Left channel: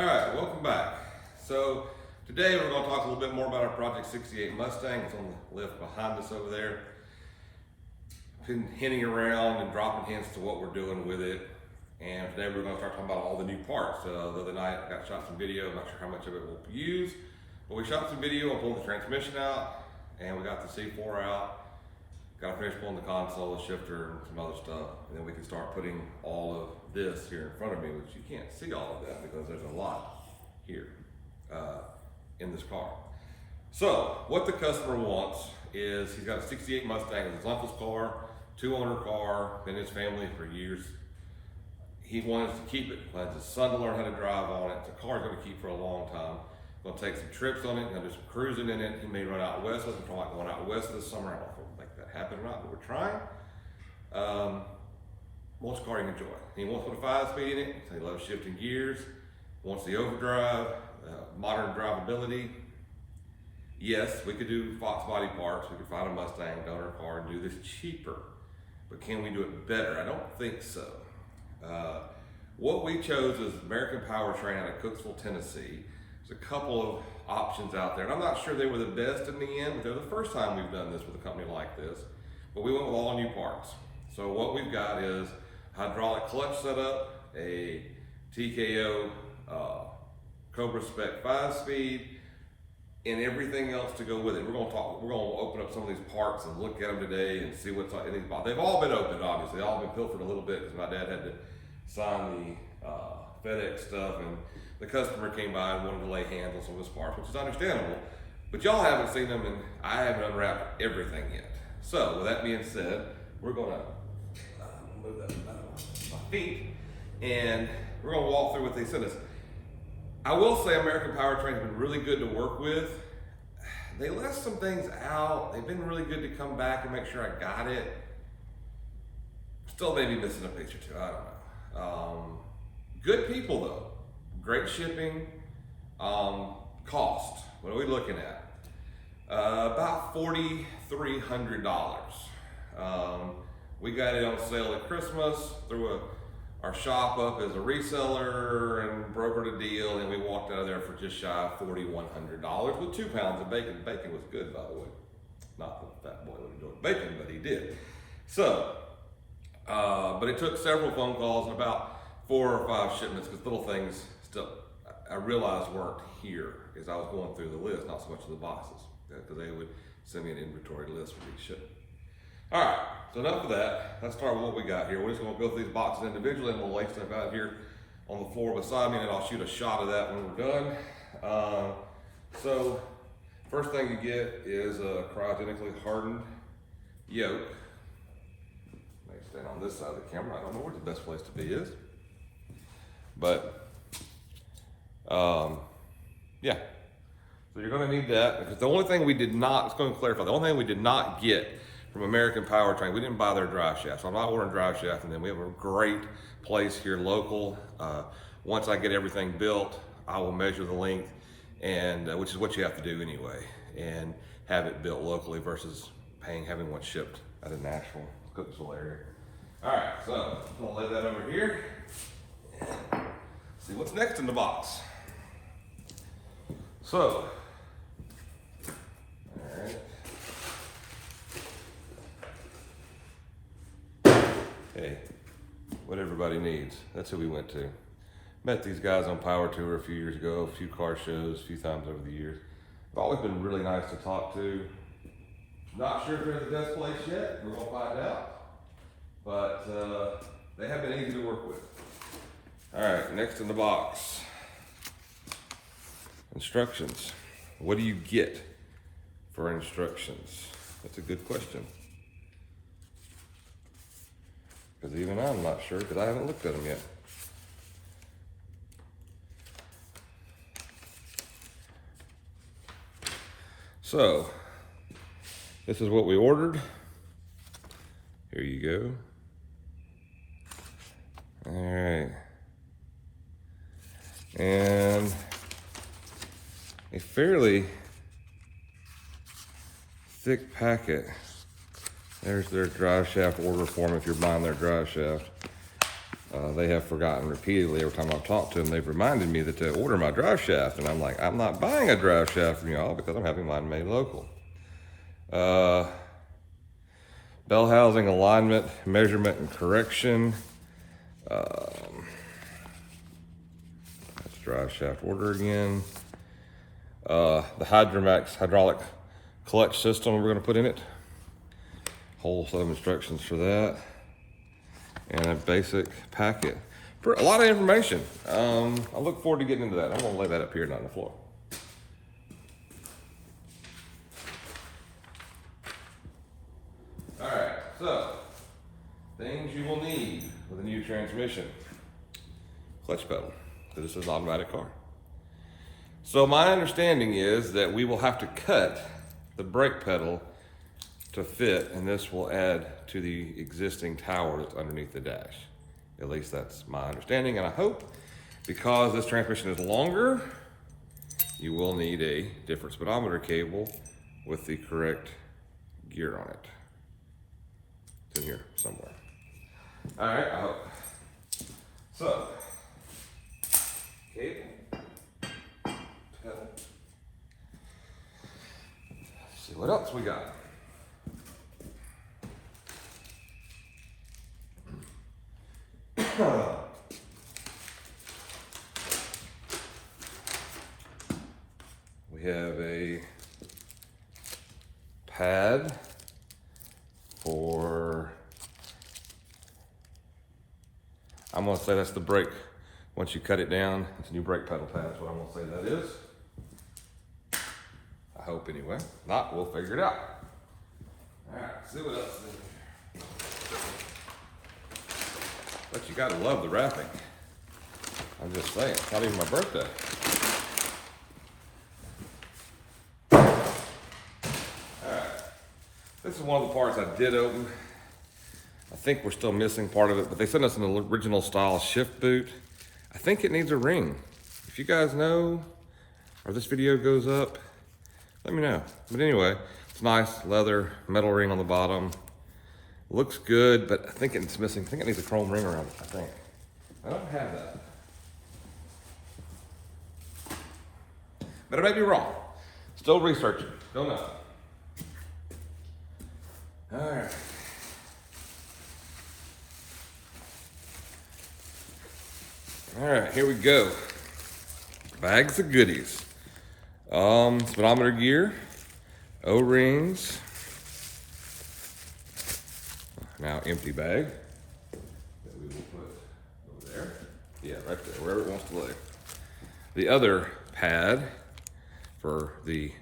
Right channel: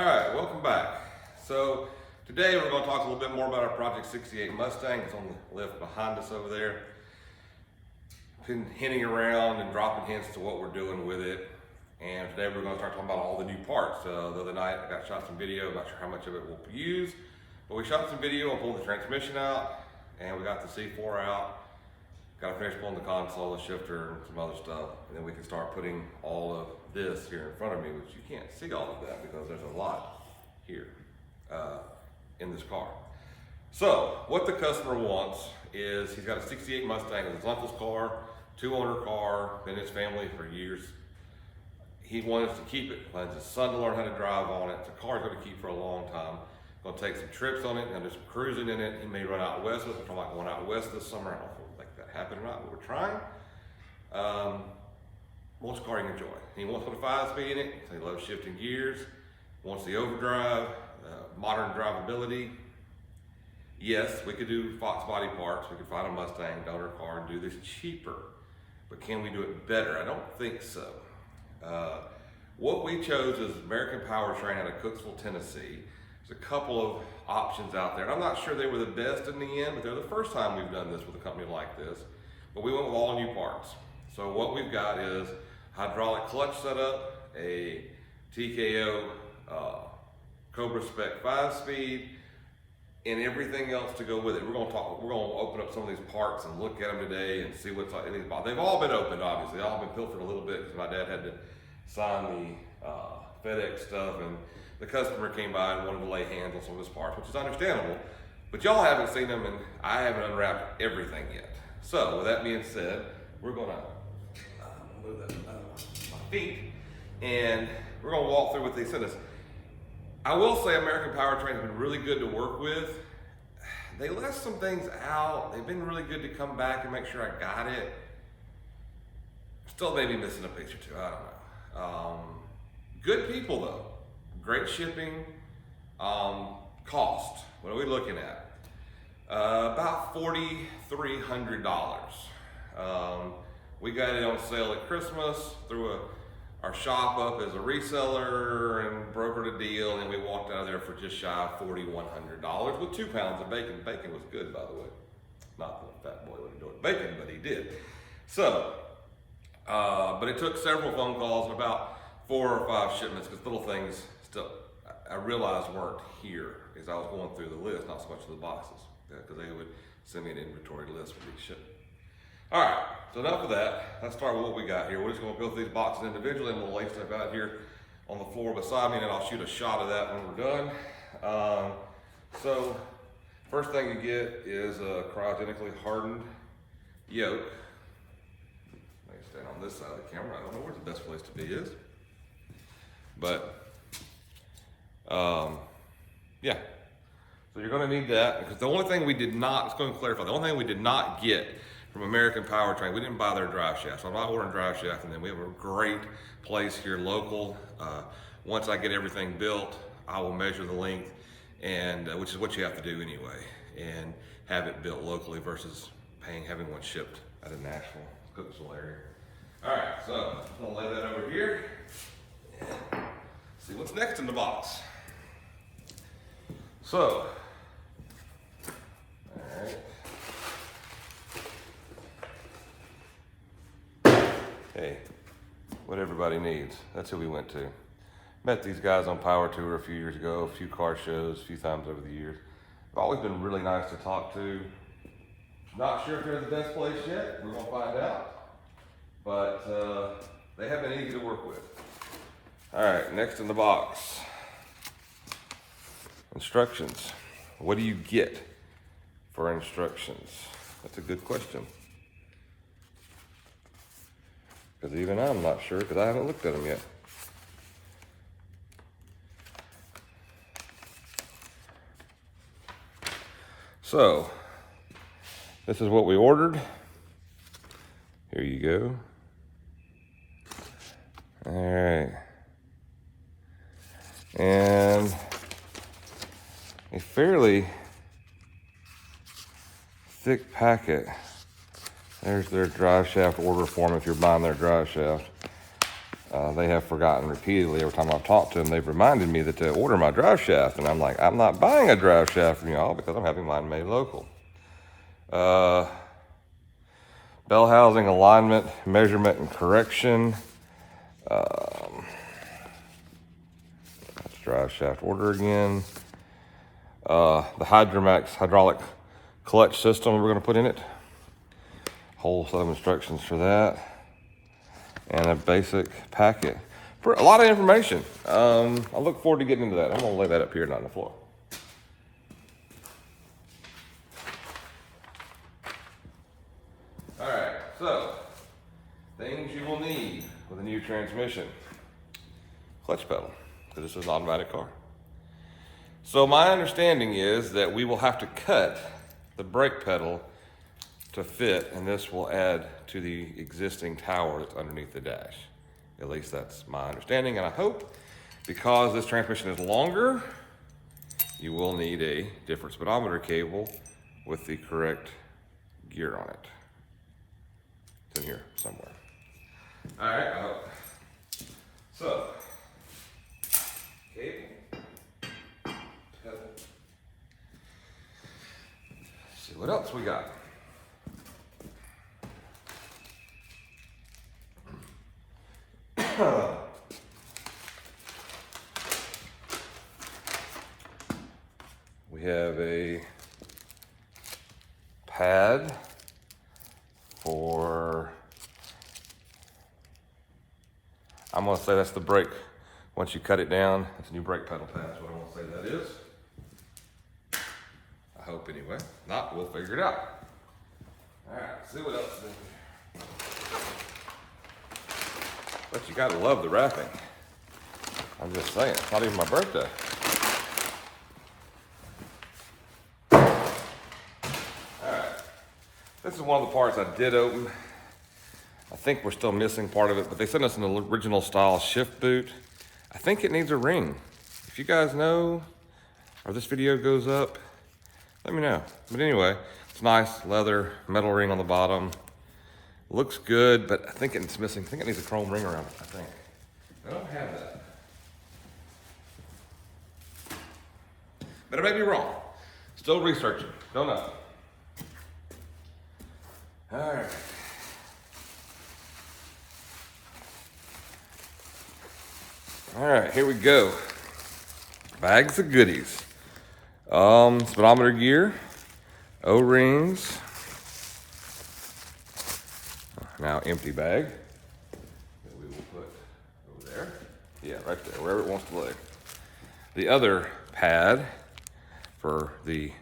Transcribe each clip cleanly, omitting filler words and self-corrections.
All right, welcome back. So today we're going to talk a little bit more about our Project 68 Mustang. It's on the lift behind us over there. Been hinting around and dropping hints to what we're doing with it. And today we're going to start talking about all the new parts. The other night I got shot some video. I'm not sure how much of it we'll use, but we shot some video and pulled the transmission out, and we got the C4 out. Got to finish pulling the console, the shifter, and some other stuff, and then we can start putting all of this here in front of me, which you can't see all of that because there's a lot here in this car. So what the customer wants is, he's got a 68 Mustang. It's his uncle's car, 2-owner car, been in his family for years. He wanted to keep it, plans his son to learn how to drive on it. It's a car he's going to keep for a long time. Going to take some trips on it, going to do some cruising in it. He may run out west with it. If I'm like going out west this summer, I don't know if we'll make that happen or not, but we're trying. Most car he can enjoy. He wants to put a 5-speed in it. He loves shifting gears. Wants the overdrive, modern drivability. Yes, we could do Fox body parts. We could find a Mustang donor car and do this cheaper, but can we do it better? I don't think so. What we chose is American Powertrain out of Cookeville, Tennessee. There's a couple of options out there, and I'm not sure they were the best in the end, but they're the first time we've done this with a company like this. But we went with all new parts. So what we've got is hydraulic clutch setup, a TKO Cobra Spec 5-speed, and everything else to go with it. We're going to open up some of these parts and look at them today and see what's in these boxes. They've all been opened, obviously. They've all been pilfered a little bit because my dad had to sign the FedEx stuff, and the customer came by and wanted to lay hands on some of his parts, which is understandable. But y'all haven't seen them, and I haven't unwrapped everything yet. So with that being said, we're going to move that out of my feet, and we're going to walk through what they sent us. I will say American Powertrain has been really good to work with. They left some things out. They've been really good to come back and make sure I got it. Still maybe missing a piece or two, I don't know. Good people though, great shipping. Cost, what are we looking at? About $4,300. We got it on sale at Christmas through our shop up as a reseller and brokered a deal, and we walked out of there for just shy of $4,100 with 2 pounds of bacon. Bacon was good, by the way. Not that Fat Boy would enjoy bacon, but he did. So, but it took several phone calls and about 4 or 5 shipments, because little things still I realized weren't here as I was going through the list, not so much of the boxes, because they would send me an inventory list for each shipment. All right, so enough of that. Let's start with what we got here. We're just gonna go through these boxes individually, and we'll lay stuff out here on the floor beside me, and then I'll shoot a shot of that when we're done. So first thing you get is a cryogenically hardened yoke. Let me stand on this side of the camera. I don't know where the best place to be is, but yeah. So you're gonna need that, because the only thing we did not, it's going to clarify, the only thing we did not get from American Powertrain, we didn't buy their drive shaft. So I'm not ordering drive shaft, and then we have a great place here local. Once I get everything built, I will measure the length, and which is what you have to do anyway, and have it built locally versus having one shipped out of Nashville, Cookeville area. All right, so I'm gonna lay that over here and see what's next in the box. So, all right. Hey, what everybody needs. That's who we went to. Met these guys on Power Tour a few years ago, a few car shows, a few times over the years. They've always been really nice to talk to. Not sure if they're the best place yet. We're gonna find out. But they have been easy to work with. All right, next in the box. Instructions. What do you get for instructions? That's a good question. Because even I'm not sure, because I haven't looked at them yet. So, this is what we ordered. Here you go. All right. And a fairly thick packet. There's their drive shaft order form if you're buying their drive shaft. They have forgotten repeatedly. Every time I talk to them, they've reminded me that to order my drive shaft. And I'm like, I'm not buying a drive shaft from y'all because I'm having mine made local. Bell housing, alignment, measurement, and correction. That's drive shaft order again. The Hydromax hydraulic clutch system we're going to put in it. Whole set of instructions for that. And a basic packet. For a lot of information. I look forward to getting into that. I'm going to lay that up here, not on the floor. All right, so things you will need with a new transmission. Clutch pedal, because this is an automatic car. So my understanding is that we will have to cut the brake pedal to fit, and this will add to the existing tower that's underneath the dash. At least that's my understanding, and I hope because this transmission is longer, you will need a different speedometer cable with the correct gear on it. It's in here somewhere. All right, I hope. So, cable. See what else we got. We have a pad for, I'm going to say that's the brake. Once you cut it down, it's a new brake pedal pad. That's what I'm going to say that is. I hope anyway. If not, we'll figure it out. All right, let's see what else is in here. But you gotta love the wrapping. I'm just saying, it's not even my birthday. Alright. This is one of the parts I did open. I think we're still missing part of it, but they sent us an original style shift boot. I think it needs a ring. If you guys know, or this video goes up, let me know. But anyway, it's nice leather, metal ring on the bottom. Looks good, but I think it's missing. I think it needs a chrome ring around it, I think. I don't have that. But I may be wrong. Still researching. Don't know. All right. All right, here we go. Bags of goodies. Speedometer gear, O-rings. Now empty bag that we will put over there. Yeah, right there, wherever it wants to lay. The other pad for the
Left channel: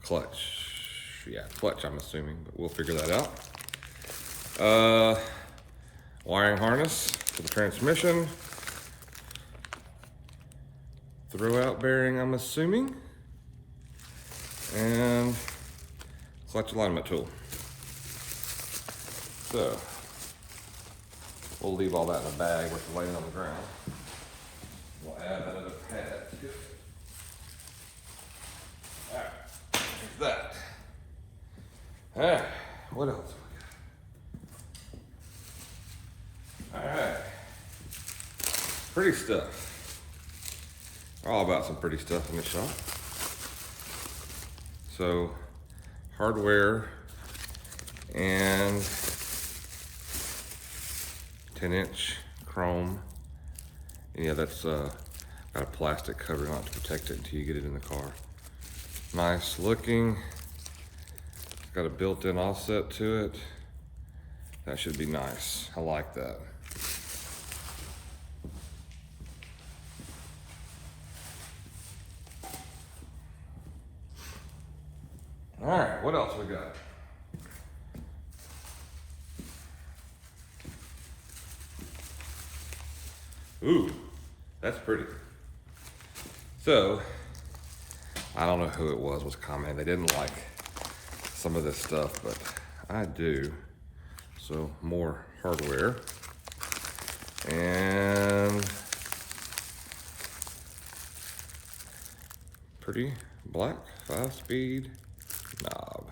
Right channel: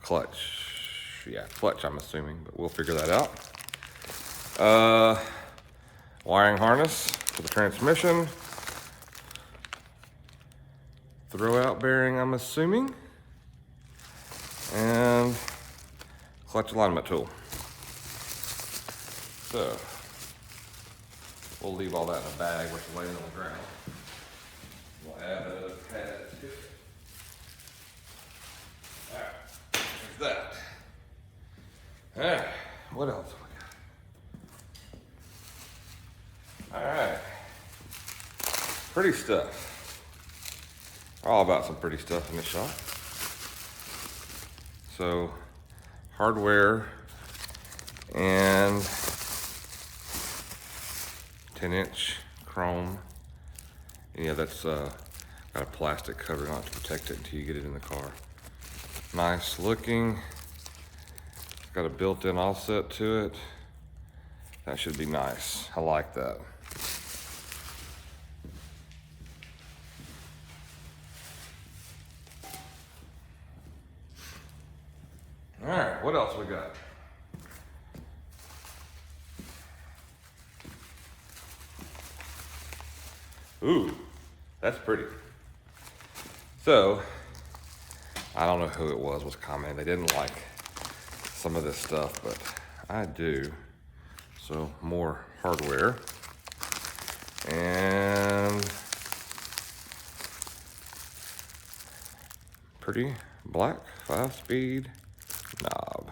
clutch. Yeah, clutch I'm assuming, but we'll figure that out. Wiring harness for the transmission. Throw-out bearing I'm assuming. And clutch alignment tool. So, we'll leave all that in a bag where it's laying on the ground. We'll add another pad. Alright, there's that. Alright, what else we got? Alright. Pretty stuff. All about some pretty stuff in the shop. So, hardware and 10-inch chrome. And yeah, that's got a plastic covering on it to protect it until you get it in the car. Nice looking. Got a built-in offset to it. That should be nice. I like that. All right, what else we got? Ooh, that's pretty. So, I don't know who it was commenting. They didn't like some of this stuff, but I do. So, more hardware. And pretty black 5-speed knob.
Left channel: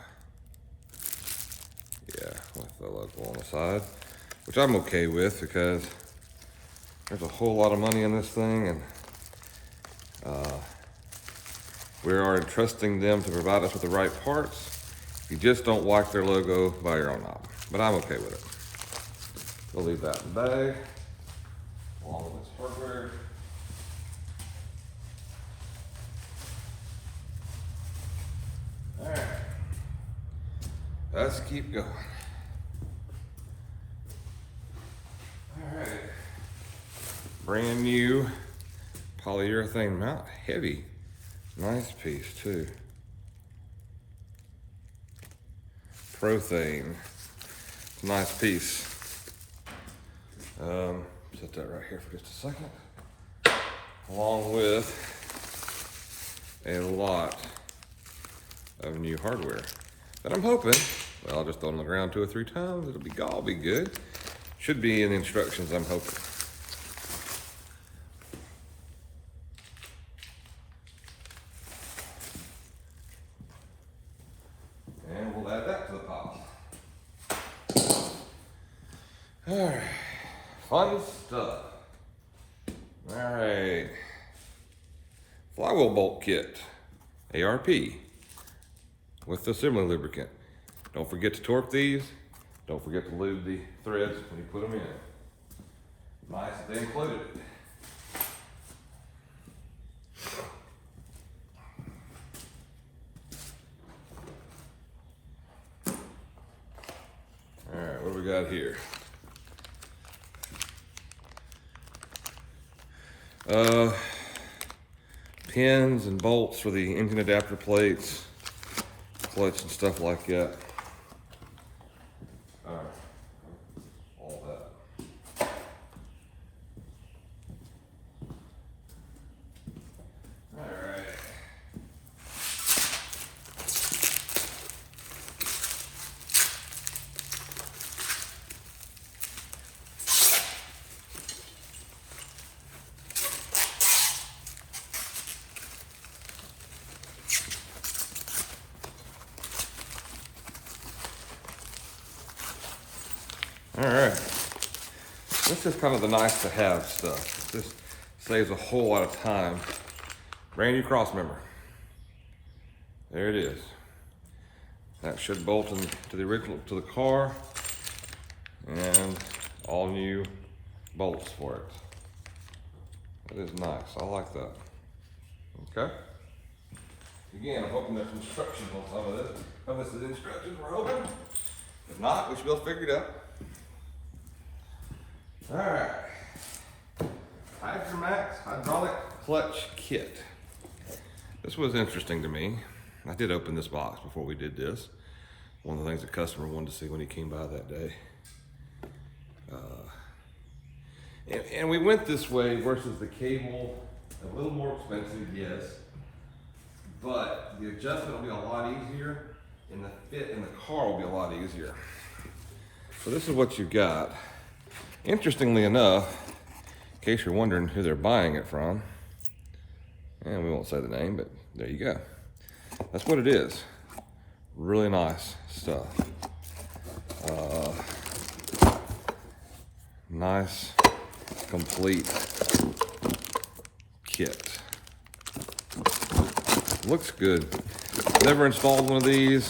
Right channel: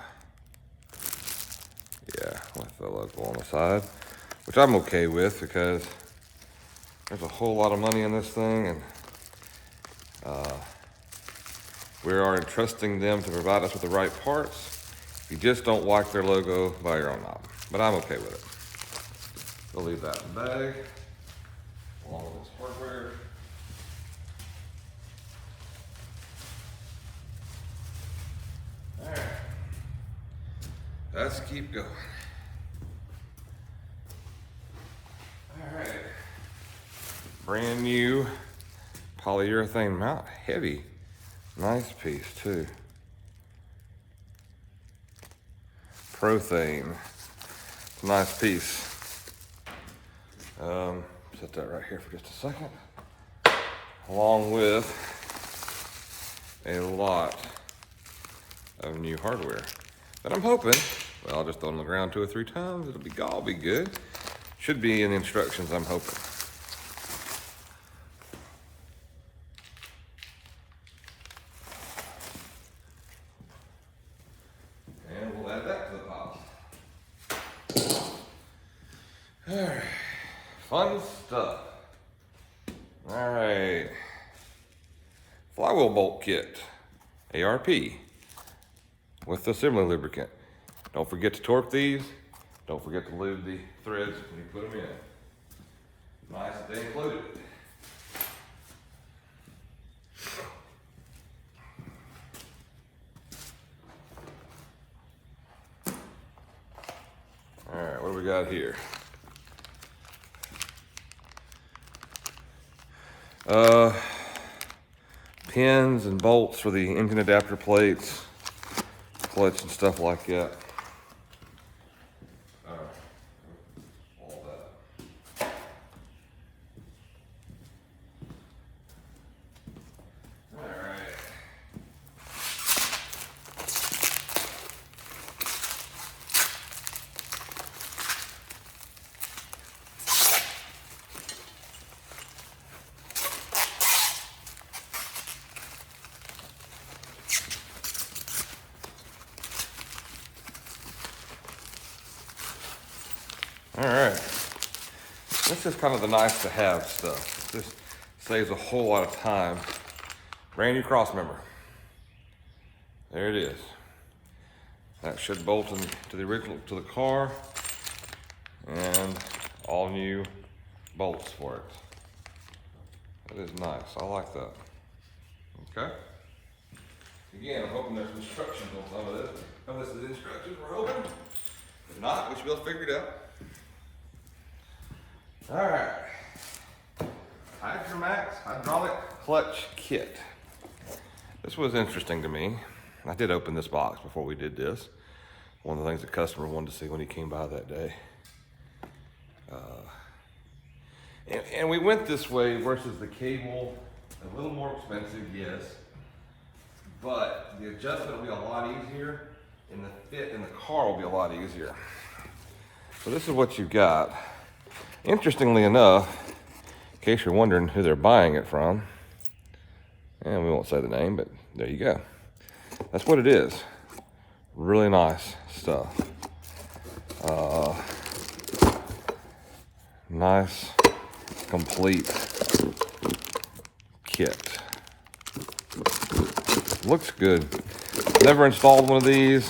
Yeah, with the logo on the side, which I'm okay with because There's a whole lot of money in this thing, and we are entrusting them to provide us with the right parts. You just don't watch their logo by your own knob, but I'm okay with it. We'll leave that in the bag, along with this hardware. All right, let's keep going. All right, brand new polyurethane mount, heavy, nice piece too. Powertrain, it's a nice piece. Set that right here for just a second. Along with a lot of new hardware that I'm hoping, well, I'll just throw it on the ground 2 or 3 times. It'll all be good. Should be in the instructions, I'm hoping. And we'll add that to the pot. All right, fun stuff. All right, flywheel bolt kit, ARP, with the assembly lubricant. Don't forget to torque these. Don't forget to lube the threads when you put them in. Nice that they included it. All right, what do we got here? Pins and bolts for the engine adapter plates, clutch and stuff like that. All right, all that. All right. All right, this is kind of the nice to have stuff. This saves a whole lot of time. Brand new cross member. There it is. That should bolt into the original, to the car, and all new bolts for it. That is nice, I like that. Okay. Again, I'm hoping there's instructions on some of this. Unless the instructions are open. If not, we should be able to figure it out. All right, Hydromax hydraulic clutch kit. This was interesting to me. I did open this box before we did this. One of the things the customer wanted to see when he came by that day. And we went this way versus the cable. A little more expensive, yes, but the adjustment will be a lot easier, and the fit in the car will be a lot easier. So this is what you've got. Interestingly enough, in case you're wondering who they're buying it from, and we won't say the name, but there you go. That's what it is. Really nice stuff. Nice, complete kit. Looks good. Never installed one of these.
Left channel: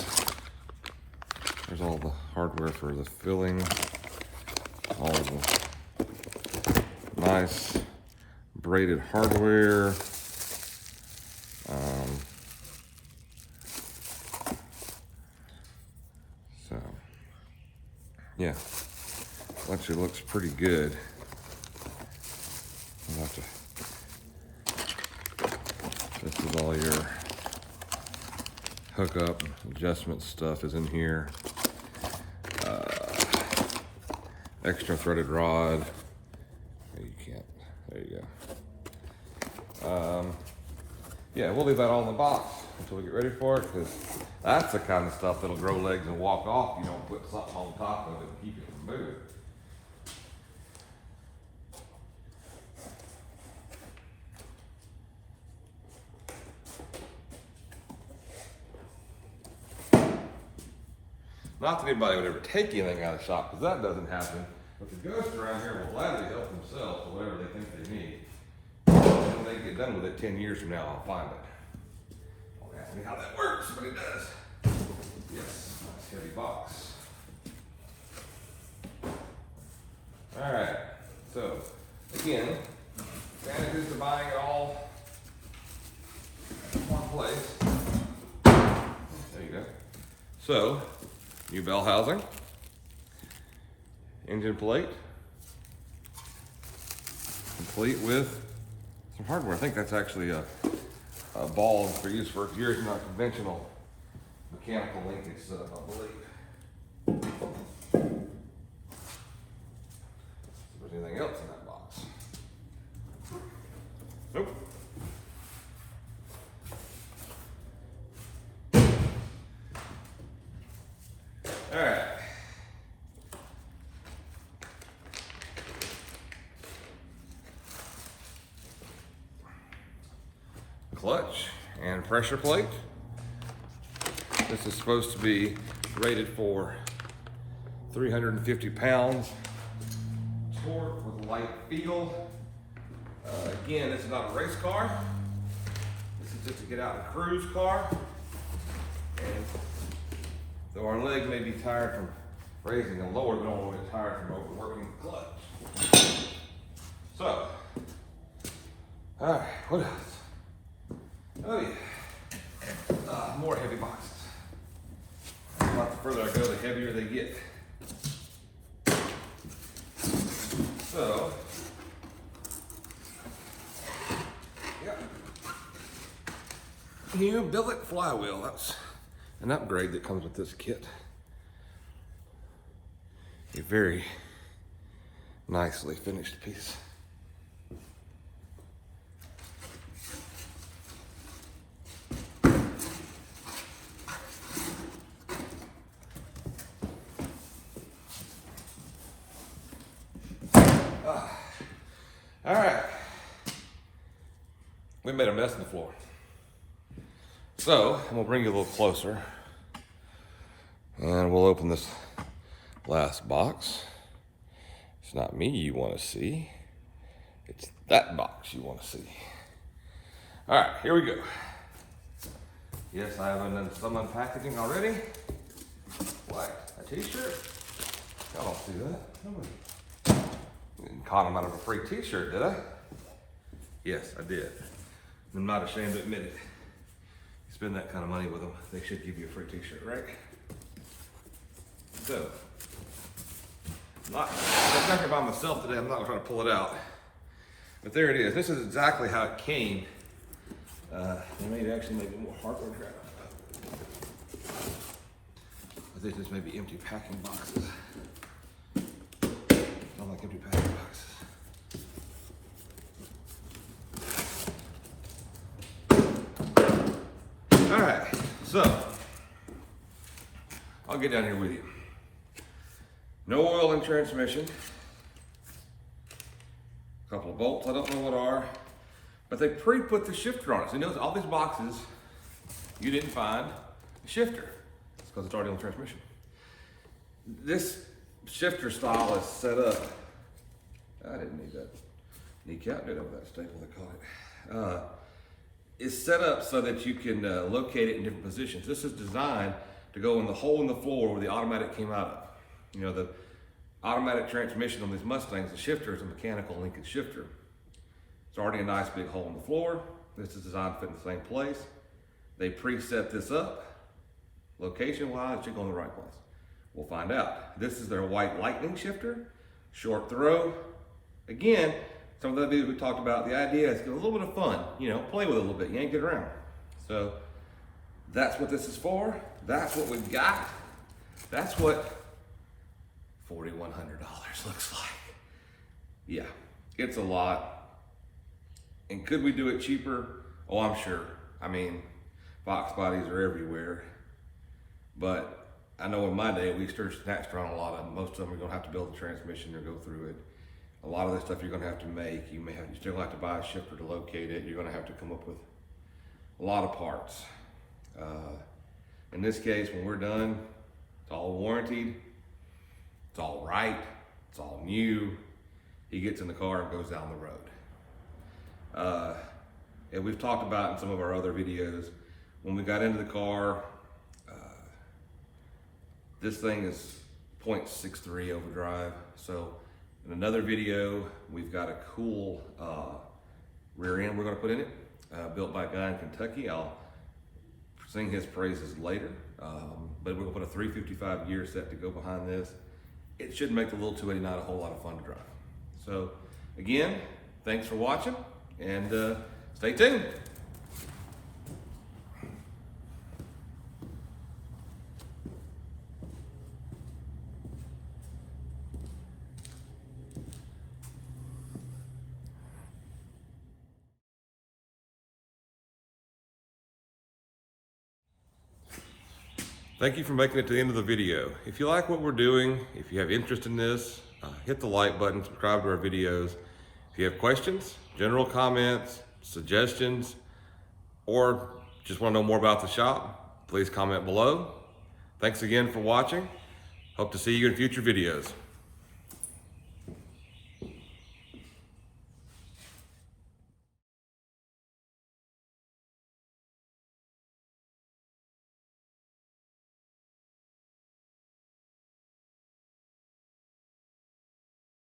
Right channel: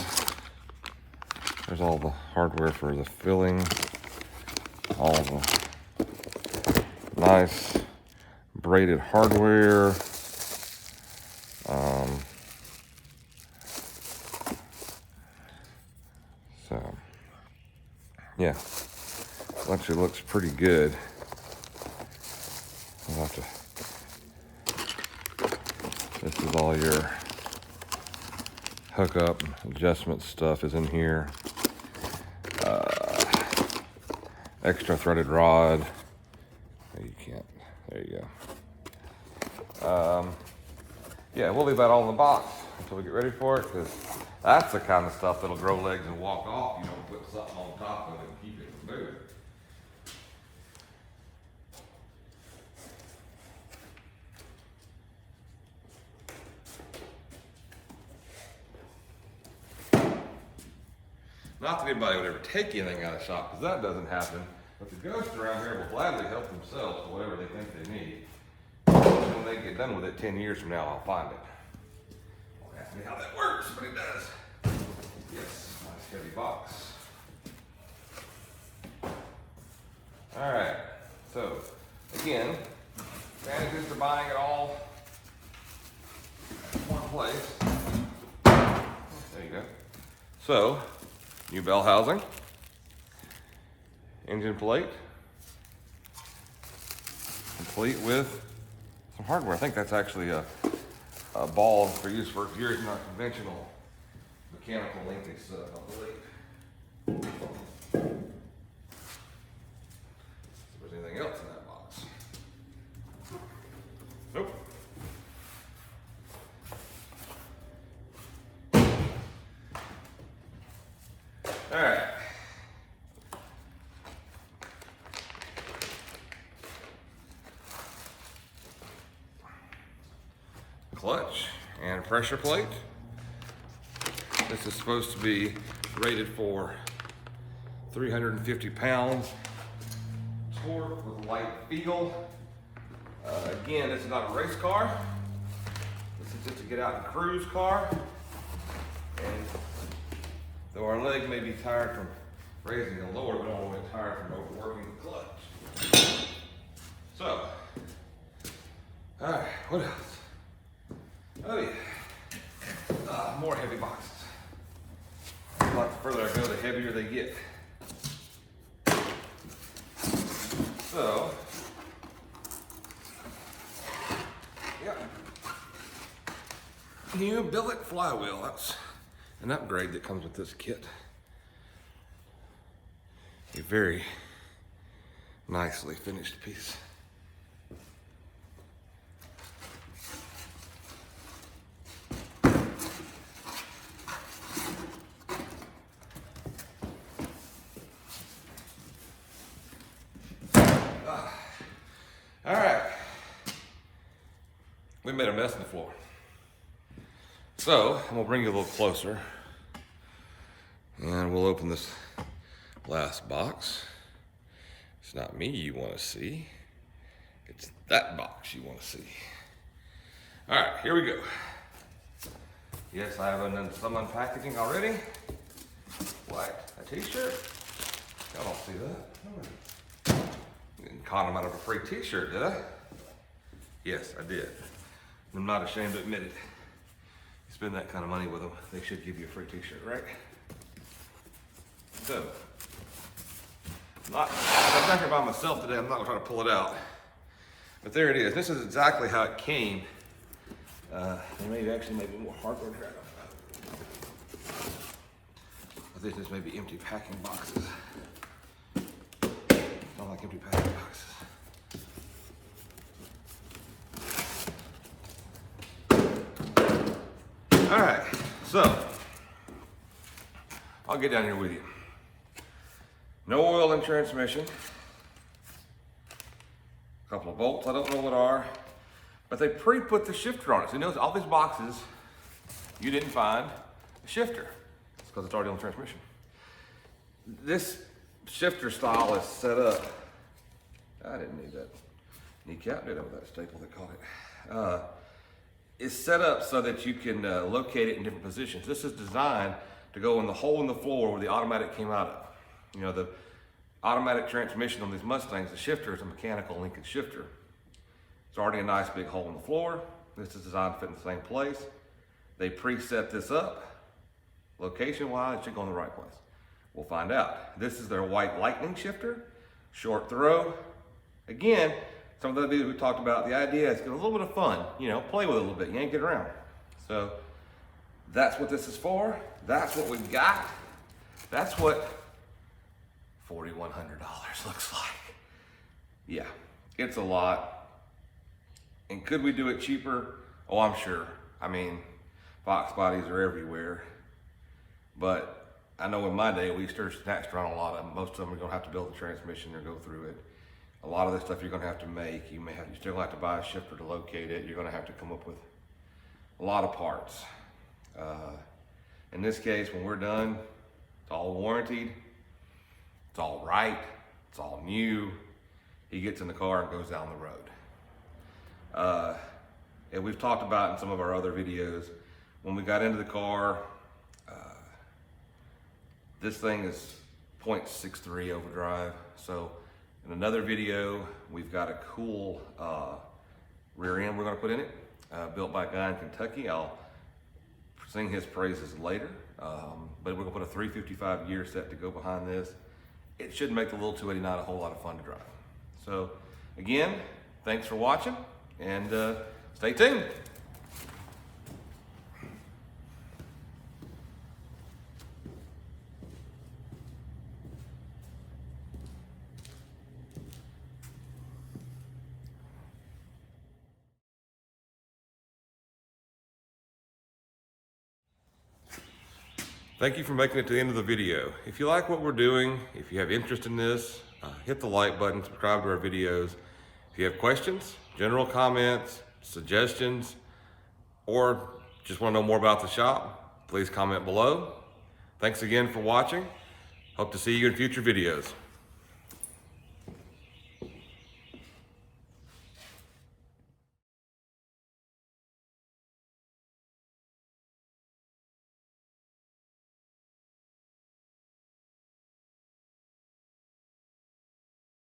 There's all the hardware for the filling. All the nice braided hardware. So, yeah, actually looks pretty good. You'll have to, this is all your hookup adjustment stuff is in here. Extra threaded rod. Oh, you can't. There you go. Yeah, we'll leave that all in the box until we get ready for it, because that's the kind of stuff that'll grow legs and walk off. You don't put something on top of it and keep it from moving. Not that anybody would ever take anything out of the shop, because that doesn't happen. But the ghosts around here will gladly help themselves to whatever they get done with it 10 years from now, I'll find it. Don't ask me how that works, but it does. Yes, nice heavy box. All right, so again, advantages to buying it all in one place. There you go. So, new bell housing, engine plate, complete with some hardware. I think that's actually a ball for use for years, not conventional mechanical linkage setup, I believe. If there's anything else in that box. Nope. All right. Clutch and pressure plate. This is supposed to be rated for 350 pounds torque with light feel. Again, this is not a race car. This is just to get out and cruise car. And though our leg may be tired from raising and lower, we don't want to get tired from overworking the clutch. So, all right, what else? Oh yeah, more heavy boxes. Like the further I go, the heavier they get. So, yep. New billet flywheel. That's an upgrade that comes with this kit. A very nicely finished piece. All right, we made a mess on the floor. So I'm gonna bring you a little closer and we'll open this last box. It's not me you wanna see, it's that box you wanna see. All right, here we go. Yes, I have done some unpackaging already. What, a t-shirt? Y'all don't see that. Caught him out of a free t-shirt, did I? Yes, I did. I'm not ashamed to admit it. You spend that kind of money with them, they should give you a free t-shirt, right? So, I'm not here by myself today, I'm not gonna try to pull it out. But there it is. This is exactly how it came. There may actually maybe more hardware drag on that. I think this may be empty packing boxes. Not like empty packing boxes. All right, so I'll get down here with you. No oil in transmission. A couple of bolts, I don't know what are, but they pre-put the shifter on it. So you notice all these boxes, you didn't find the shifter. It's because it's already on transmission. This shifter style is set up. I didn't need that kneecap, did I, with that staple they call it. It's set up so that you can locate it in different positions. This is designed to go in the hole in the floor where the automatic came out of. You know, the automatic transmission on these Mustangs, the shifter is a mechanical linkage shifter. It's already a nice big hole in the floor. This is designed to fit in the same place. They preset this up. Location-wise, it should go in the right place. We'll find out. This is their white lightning shifter, short throw. Again, some of the dudes we talked about, the idea is get a little bit of fun, you know, play with it a little bit, yank it around. So that's what this is for. That's what we got. That's what $4,100 looks like. Yeah, it's a lot. And could we do it cheaper? Oh, I'm sure. I mean, box bodies are everywhere. But I know in my day, we snatched around a lot of them. Most of them are gonna have to build the transmission or go through it. A lot of this stuff you're gonna have to make. You still have to buy a shifter to locate it. You're gonna have to come up with a lot of parts. In this case, when we're done, it's all warranted, it's all right, it's all new. He gets in the car and goes down the road. And we've talked about in some of our other videos, when we got into the car, this thing is 0.63 overdrive. So in another video, we've got a cool rear end we're gonna put in it, built by a guy in Kentucky. I'll sing his praises later, but we're gonna put a 355 gear set to go behind this. It should make the little 289 a whole lot of fun to drive. So again, thanks for watching, and stay tuned. Thank you for making it to the end of the video. If you like what we're doing, if you have interest in this, hit the like button, subscribe to our videos. If you have questions, general comments, suggestions, or just want to know more about the shop, please comment below. Thanks again for watching. Hope to see you in future videos.